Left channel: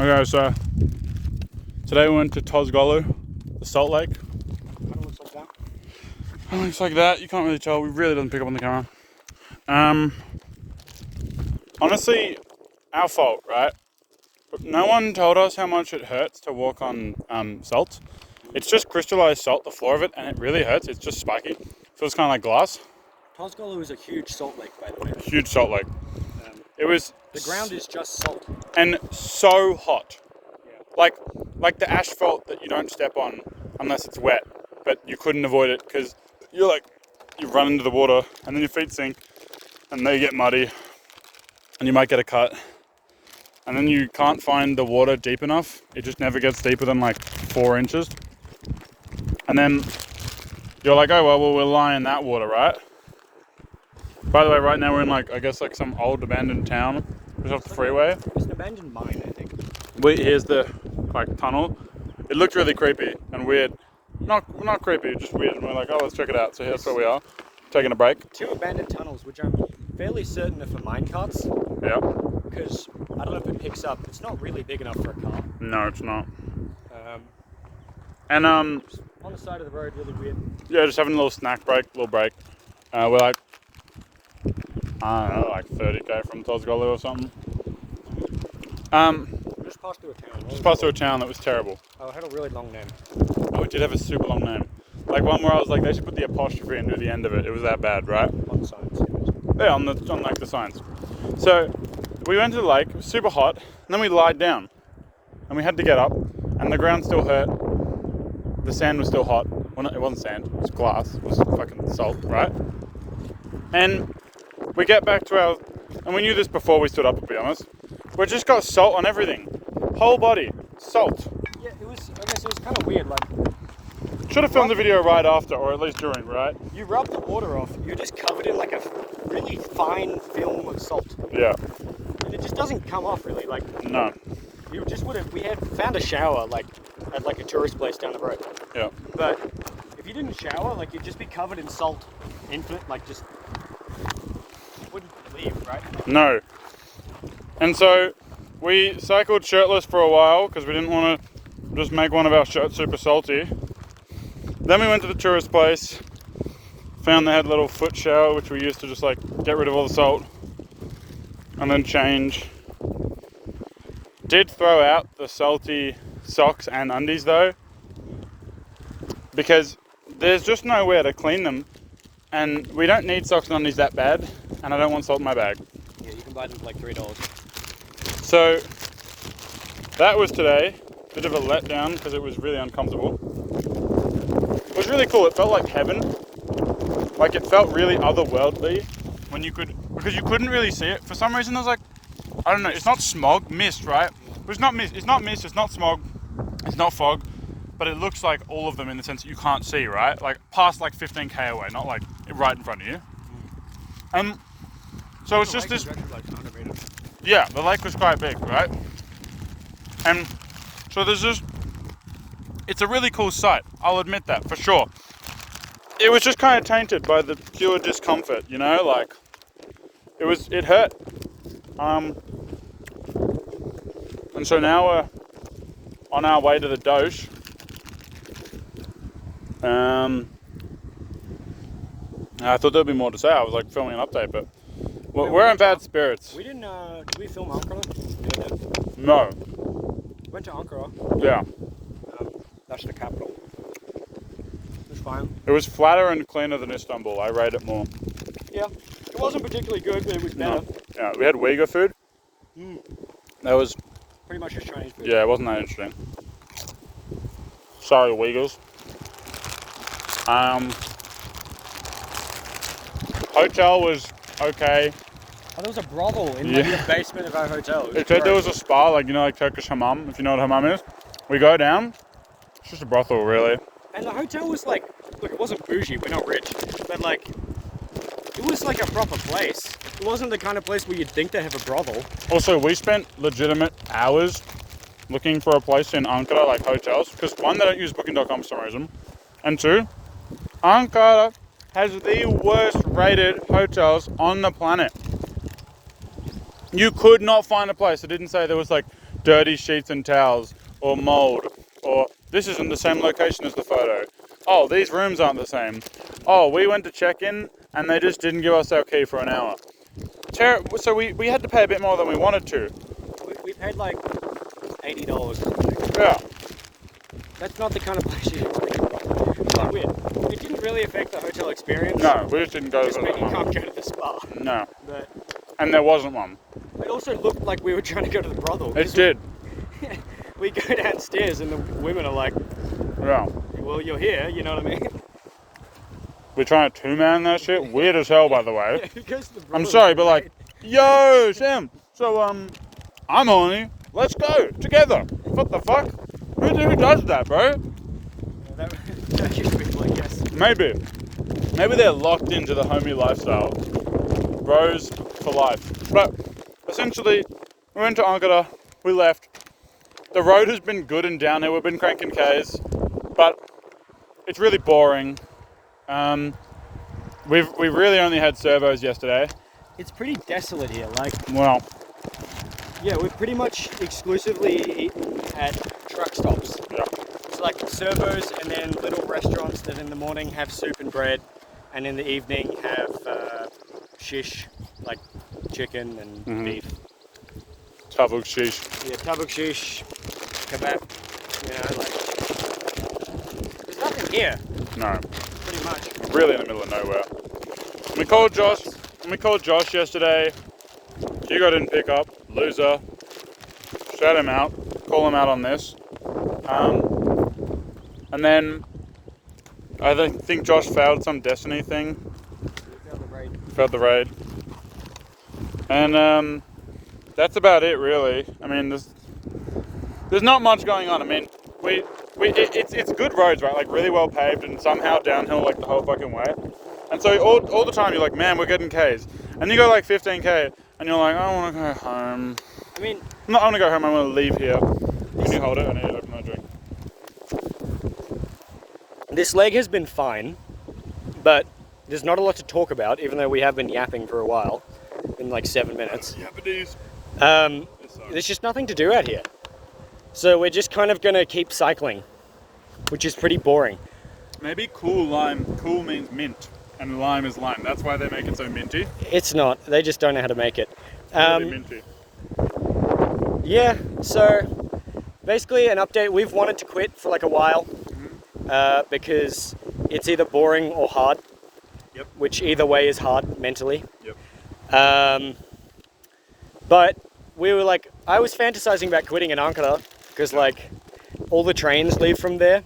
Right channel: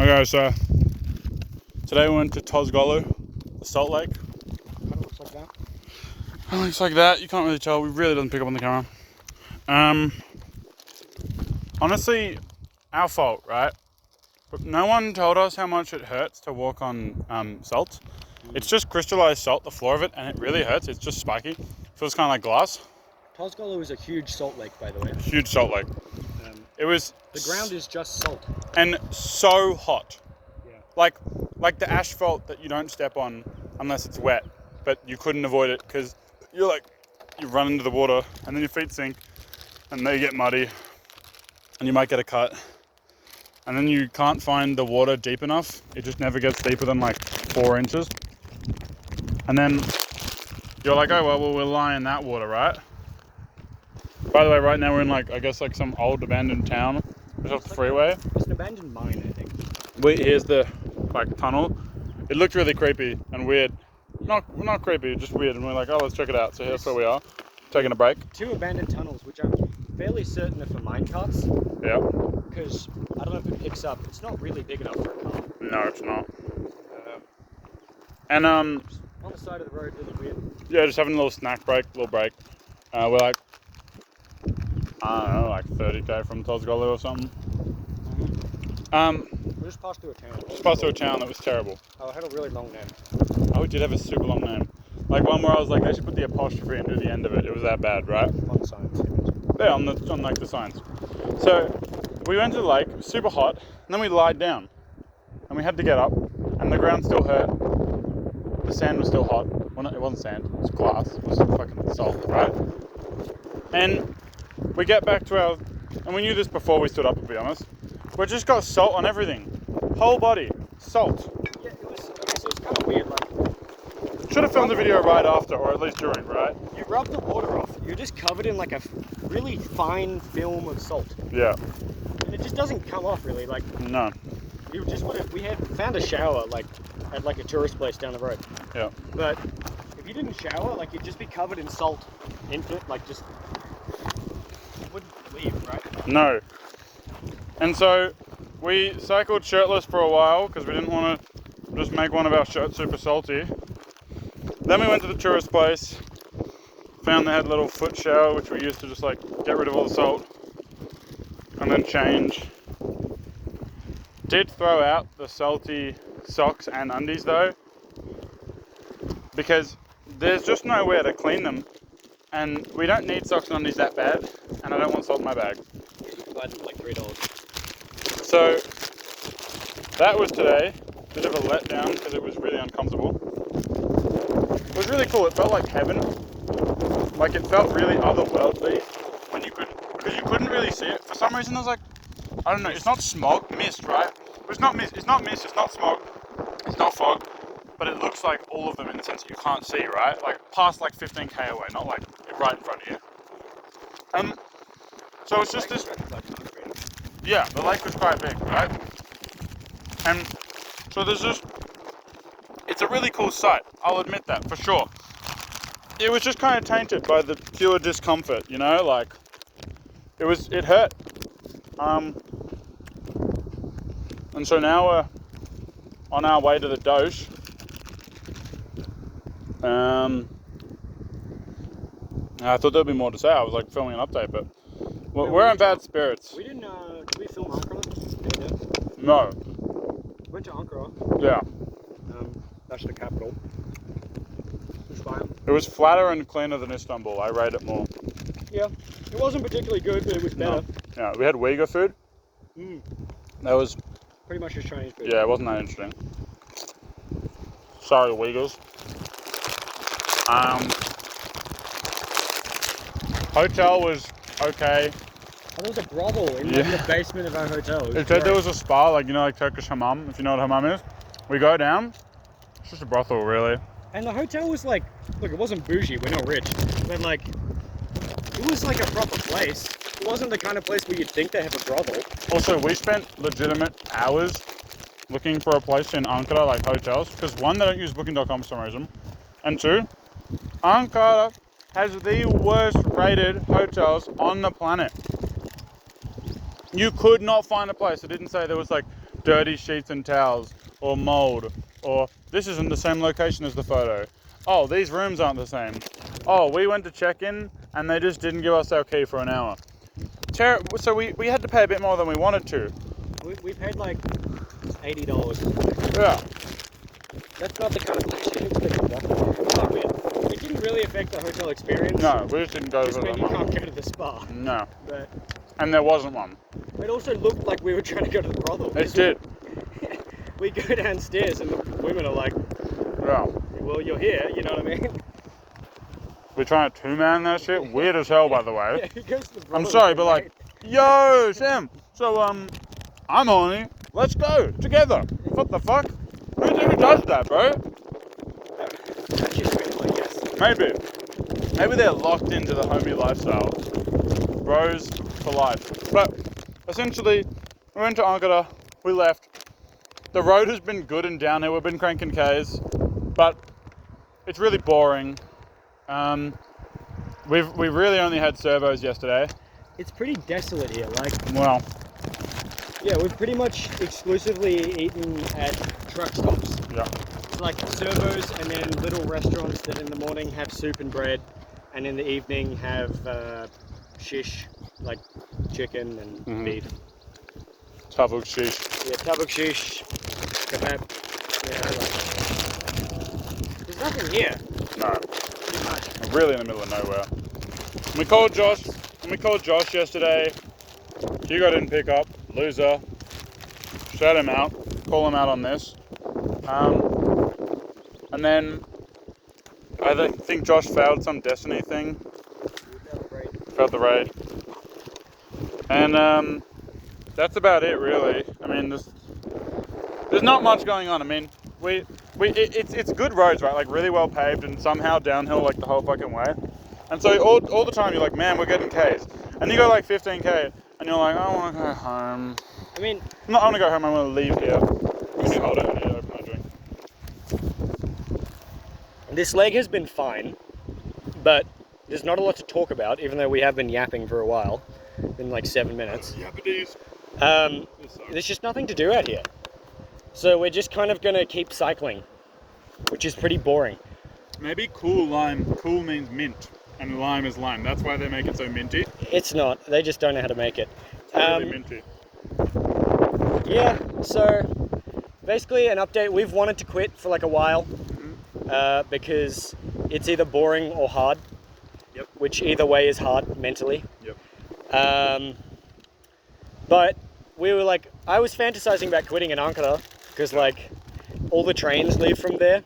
Okay, so today we went to Tozgolu, the salt lake. It looks like that. It looks like that. You can't really tell. We really doesn't pick up on the camera. Honestly, our fault, right? But no one told us how much it hurts to walk on salt. It's just crystallized salt, the floor of it, and it really hurts. It's just spiky. So it's kind of like glass. Tozgolu is a huge salt lake, by the way. Huge salt lake. It was... The ground is just salt. And so hot. Yeah. Like the asphalt that you don't step on unless it's wet. But you couldn't avoid it because you run into the water and then your feet sink and they get muddy and you might get a cut. And then you can't find the water deep enough. It just never gets deeper than like 4 inches. And then you're like, oh, well, we'll lie in that water, right? By the way, right now we're in like some old abandoned town just off the freeway. It's an abandoned mine, I think. Here's the tunnel. It looked really creepy and weird. Not creepy, just weird. And we're like, oh, let's check it out. So here's where we are, taking a break. 2 abandoned tunnels, which I'm fairly certain are for mine carts. Yeah. Because I don't know if it picks up. It's not really big enough for a car. No, it's not. On the side of the road, really weird. Yeah, just having a little snack break, little break. We're like, I don't know, like 30k from Tozgolu or something. We just passed through a town. Just passed through a town that was terrible. Oh, it had a really long name. Oh, it did have a super long name. Like one where I was like, they should put the apostrophe into the end of it. It was that bad, right? On the signs. Yeah, on like the signs. So we went to the lake, super hot, and then we lied down. And we had to get up, and the ground still hurt. The sand was still hot. Well, no, it wasn't sand, it was glass. It was fucking salt, right? And we get back to our... And we knew this before we stood up, to be honest. We just got salt on everything. Whole body. Salt. Yeah, it was kind of weird. Should have filmed the video right after, or at least during, right? You rub the water off, you're just covered in like a really fine film of salt. Yeah. And it just doesn't come off really. No. We had found a shower at a tourist place down the road. Yeah. But if you didn't shower, you'd just be covered in salt. Infinite, just wouldn't leave, right? No. And so we cycled shirtless for a while because we didn't want to just make one of our shirts super salty. Then we went to the tourist place, found they had a little foot shower which we used to just get rid of all the salt and then change. Did throw out the salty socks and undies though, because there's just nowhere to clean them, and we don't need socks and undies that bad, and I don't want salt in my bag. Yeah, you can buy them for like $3. So that was today. Bit of a letdown because it was really uncomfortable. It was really cool. It felt like heaven. Like it felt really otherworldly because you couldn't really see it. For some reason there was I don't know, it's not smog, mist, right? It's not mist, it's not smog, it's not fog, but it looks like all of them in the sense that you can't see, right? Past 15k away, not right in front of you. And so it's just this, yeah, the lake was quite big, right? And so there's just, it's a really cool sight, I'll admit that, for sure. It was just kind of tainted by the pure discomfort, you know, it hurt. And so now we're on our way to the Doge. I thought there'd be more to say. I was filming an update, but we're in bad spirits. We didn't, did we film Ankara? No. We went to Ankara. Yeah. That's the capital. It was fine. It was flatter and cleaner than Istanbul. I rate it more. Yeah. It wasn't particularly good, but it was better. No. Yeah, we had Uyghur food. That was... Pretty much just Chinese food. Yeah, it wasn't that interesting. Sorry, Uyghurs. Hotel was okay. And there was a brothel in the basement of our hotel. It said there was a spa, Turkish hammam, if you know what hammam is. We go down, it's just a brothel, really. And the hotel was look, it wasn't bougie, we're not rich, but it was a proper place. It wasn't the kind of place where you'd think they have a brothel. Also, we spent legitimate hours looking for a place in Ankara, hotels, because one, they don't use booking.com for some reason, and two, Ankara has the worst rated hotels on the planet. You could not find a place that didn't say there was dirty sheets and towels, or mold, or this isn't the same location as the photo. Oh, these rooms aren't the same. Oh, we went to check in and they just didn't give us our key for an hour. So we had to pay a bit more than we wanted to. We paid like $80. Yeah. That's not the kind of place you It didn't really affect the hotel experience. No, we just didn't go Just to meant that you one. can't go to the spa. No. But And there wasn't one. it also looked like we were trying to go to the brothel. It did. We go downstairs and the women are like, Yeah. well, you're here, you know what I mean? We're trying to two-man that shit. Weird as hell, by the way. Yeah, who goes to the brothel? I'm sorry, but like, yo, Sam. So, I'm on it. Let's go together. What the fuck? Who does that, bro? I guess. Maybe they're locked into the homie lifestyle. Bros for life. But essentially, we went to Ankara. We left. The road has been good and downhill. We've been cranking Ks, but it's really boring. We really only had servos yesterday. It's pretty desolate here. Like, Well, yeah, we've pretty much exclusively eaten at truck stops. yeah. It's like servos and then little restaurants that in the morning have soup and bread, and in the evening have shish, like chicken and beef. Tavuk shish. Yeah, tabak shish, kebab. You know, like, there's nothing here, No, pretty much. we're really in the middle of nowhere. We called Josh yesterday. Hugo didn't pick up. Loser. Shout him out. Call him out on this. And then I think Josh failed some Destiny thing. Failed the raid. And that's about it, really. I mean, there's not much going on. I mean, it's good roads, right? Like really well paved and somehow downhill like the whole fucking way. And so all the time you're like, man, we're getting Ks. And you go like 15K and you're like, I want to go home. I mean, I want to go home, I want to leave here. Can you hold it? I need to open my drink. this leg has been fine, but there's not a lot to talk about, even though we have been yapping for a while, in like 7 minutes. Yappities. There's just nothing to do out here. So we're just kind of going to keep cycling, which is pretty boring. Maybe cool lime. Cool means mint, and lime is lime. That's why they make it so minty. It's not. They just don't know how to make it. Really minty. Yeah, so basically an update. We've wanted to quit for like a while because it's either boring or hard. Yep. Which either way is hard mentally. Yep. But we were like, I was fantasizing about quitting in Ankara because like all the trains leave from there.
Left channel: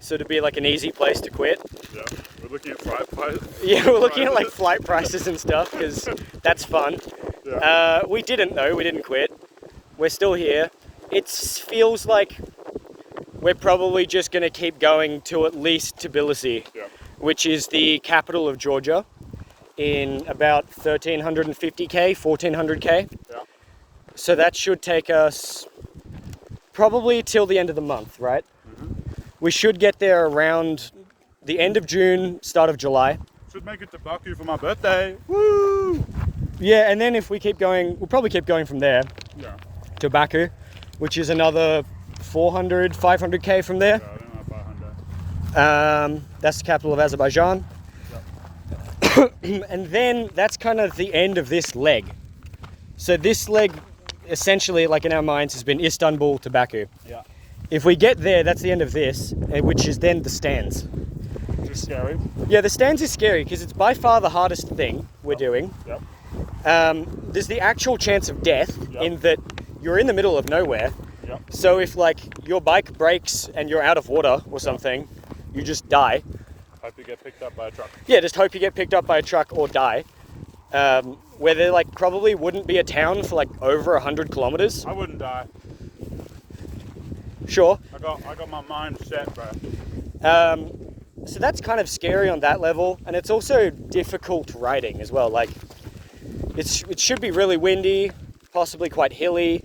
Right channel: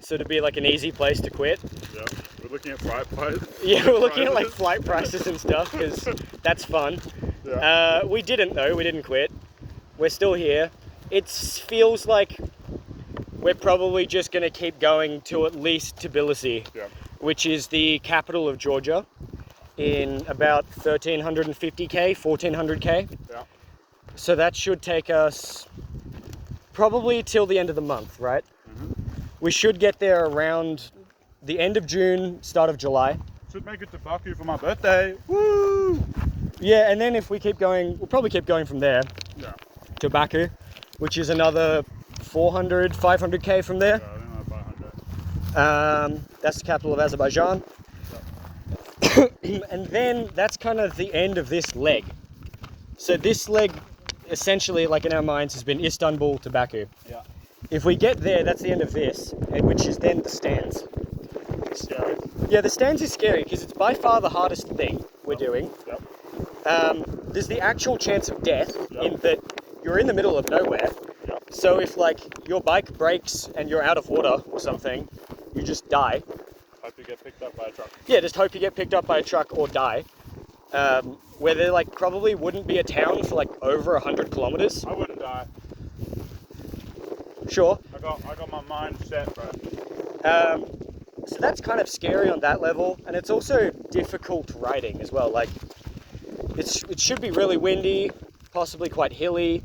So to be like an easy place to quit. Yeah. We're looking at flight prices. Yeah, we're looking at like flight prices and stuff because that's fun. Yeah. We didn't though, we didn't quit. We're still here. It feels like we're probably just going to keep going to at least Tbilisi, Yeah. which is the capital of Georgia, in about 1,350k, 1,400k. Yeah. So that should take us probably till the end of the month, right? Mm-hmm. We should get there around the end of June, start of July. Should make it to Baku for my birthday. Woo! Yeah, and then if we keep going, we'll probably keep going from there Yeah. to Baku, which is another 400, 500k from there. Yeah, I think like 500. That's the capital of Azerbaijan. And then that's kind of the end of this leg. So this leg, essentially, like in our minds, has been Istanbul to Baku. Yeah. If we get there, that's the end of this, which is then the stands. It's scary. Yeah, the stands is scary because it's by far the hardest thing we're doing. Yep. There's the actual chance of death Yep. in that you're in the middle of nowhere. Yep. So if like your bike breaks and you're out of water or something, you just die. Hope you get picked up by a truck. Yeah, just hope you get picked up by a truck or die. Where there like probably wouldn't be a town for like over 100 kilometers. I wouldn't die. Sure. I got my mind set, bro. So that's kind of scary on that level, and it's also difficult riding as well. Like it should be really windy, possibly quite hilly,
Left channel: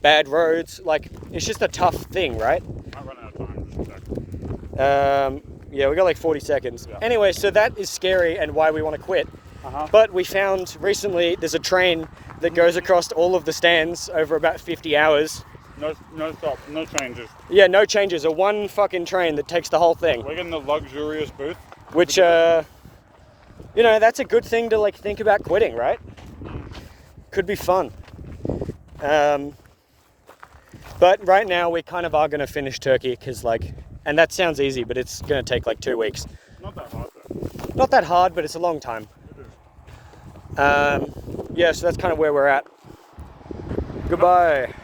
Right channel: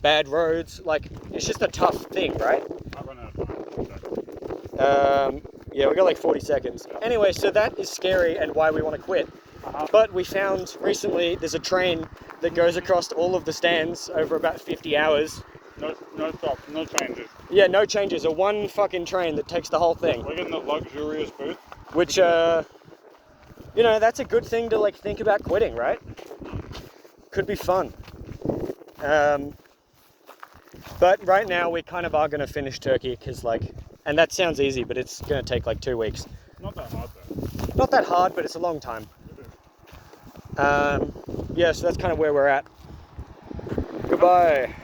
bad roads. Like it's just a tough thing, right? Might run out of time. Yeah, we got like 40 seconds. Yeah. Anyway, so that is scary and why we want to quit. Uh-huh. But we found recently there's a train that goes across all of the stands over about 50 hours. No stops, no changes. Yeah, no changes. A one fucking train that takes the whole thing. We're getting the luxurious booth. Which, you know, that's a good thing to like think about quitting, right? Could be fun. But right now we kind of are going to finish Turkey because like, and that sounds easy, but it's going to take like 2 weeks. Not that hard though. Not that hard, but it's a long time. It is. Yeah, so that's kind of where we're at. Goodbye.